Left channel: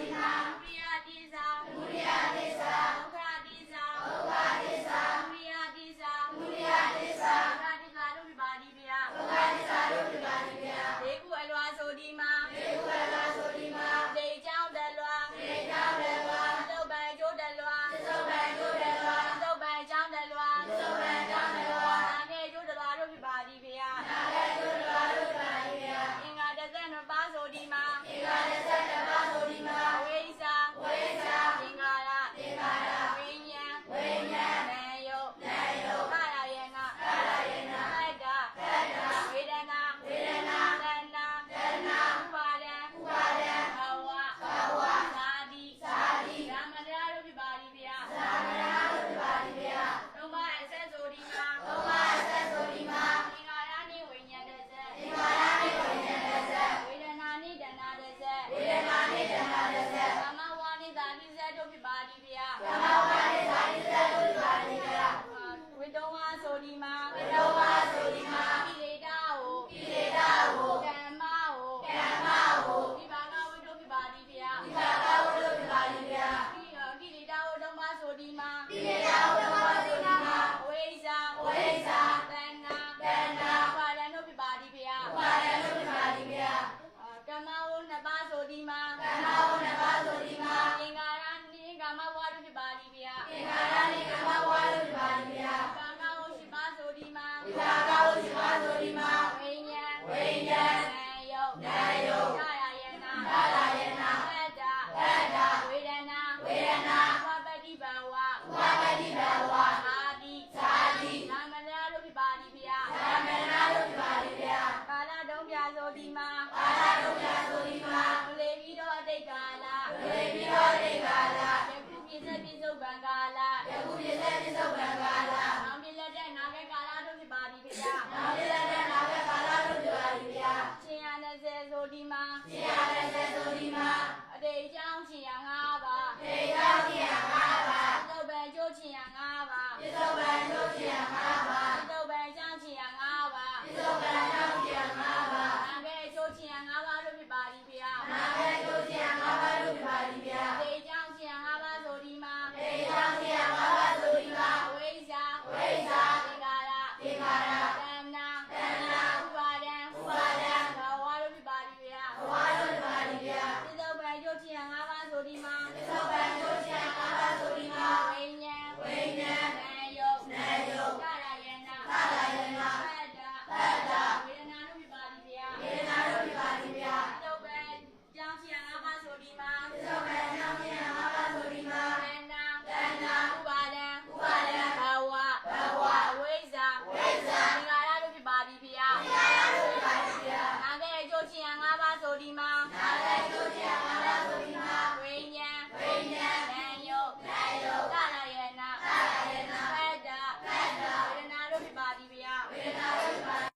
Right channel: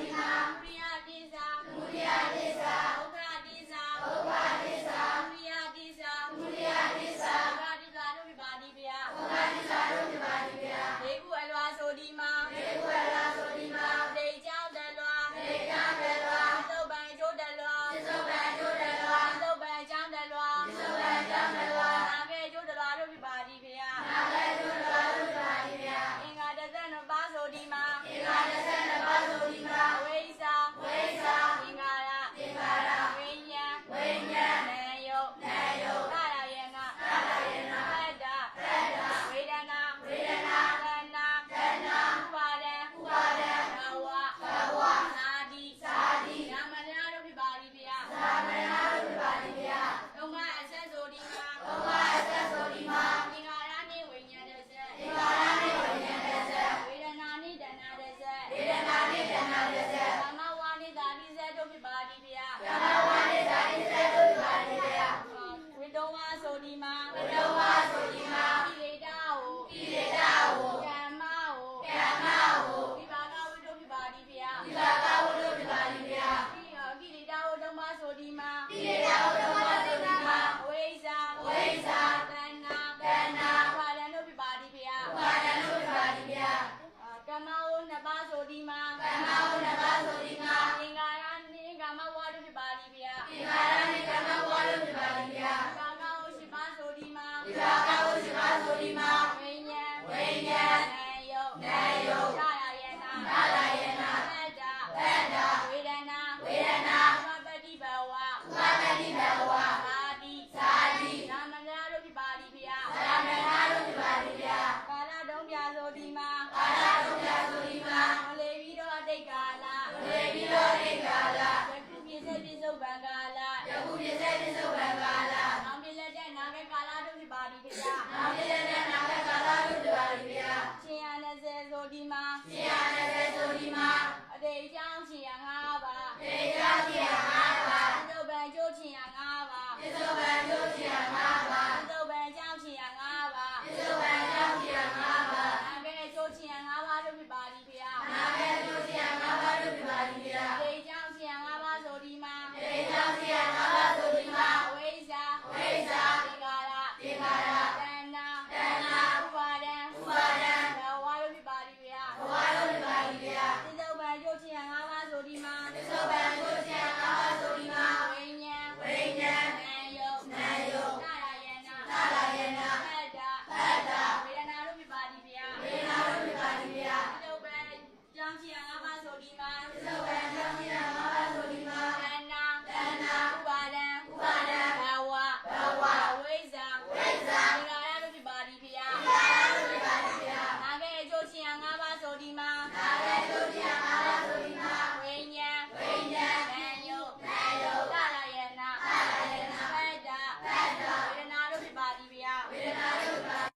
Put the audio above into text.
တိမာဝိယတိသာဝိယတိသာဒုက္ခတိသာဒုက္ခတိသာဝိယတိသာဝိယတိသာဒုက္ခတိသာတို့ပြပါဒီဗျာဒုက္ခတိသာတို့ပြပါဒီဗျာဒေကုအလွာဆိုဒီမာဒေကုအလွာဆိုဒီမာဒေကြောင့်တလွာဒေကြောင့်တလွာသုတ်ပန်ကျိုးတလွာသုတ်ပန်ကျိုးတလွာသုတ်ပန်ကြောင့်တလွာသုတ်ပန်ကြောင့်တလွာနာကေကျိုးတလွာတို့ပြပါဒီဗျာနာကေကျိုးတလွာတို့ပြပါဒီဗျာအင်္ဂါတသက်နှစ်ပါးဆိုဒီမာအင်္ဂါတ နှစ်ပါးဆိုဒီမှာကမ္မဝနှစ်ပါးဆိုဒီမှာအင်္ဂါရနှင့်ကာမဝါတို့ဖြစ်ပါသည်ဖေယအင်္ဂါရနှင့်ကမ္မဝါတို့ပါလေဗျာဘာကဝရှိပါဆိုဒီမှာဒီဘာကဝရှိပါဆိုဒီမှာဝိညာဉ်ဝိညာဉ်နာယုတ်နာယုတ်ရရယနာသာလယေနာသတ္တသတ္တဝေဒနာဝေဒနာဥပပတ္တိဘဝဥပါမတိဘဝအာတိသာတိနာမနာတို့ဖြစ်ပါသည်ဖေယသာမဏေတို့ပါလေဗျာကာလတုံးပြဆိုဒီမှာကာလတို့ပြဆိုဒီမှာဝလေပြီး တော့အတိတ်ကာလဝေပြီးတော့ဣကာလယခုပြည့်စက်ပြည့်စုံဗံကာလယခုပြည့်စက်ပြည့်စုံဗံကာလနောင်ပြည့်လက်တဲ့နာဂကာလတို့ဖြစ်ပါသည်ဖေယနောက်ပြည့်တဲ့နာဂကာလတို့ပြပါလေဗျာရှင်ရ20ဆိုဒီမှာရှင်ရတဲ့ဆိုဒီမှာအတိတ်အကြောင်းရှင်ရ5ပါးထေရတိယ၅ပါးသုဘံကျိုးရှင်ရ5ပါးပြစ္ဆုတ်ဗံတို့ရှင်ရ၅ပါးသုဘံအကြောင်းရှင်ရ5ပါးပြစ္ဆုတ်ဗံတို့ရှင်ရ၅ပါးနာဂကျိုးရှင်ရ5ပါးတို့ဖြစ်ပါသည်ဖေယနာ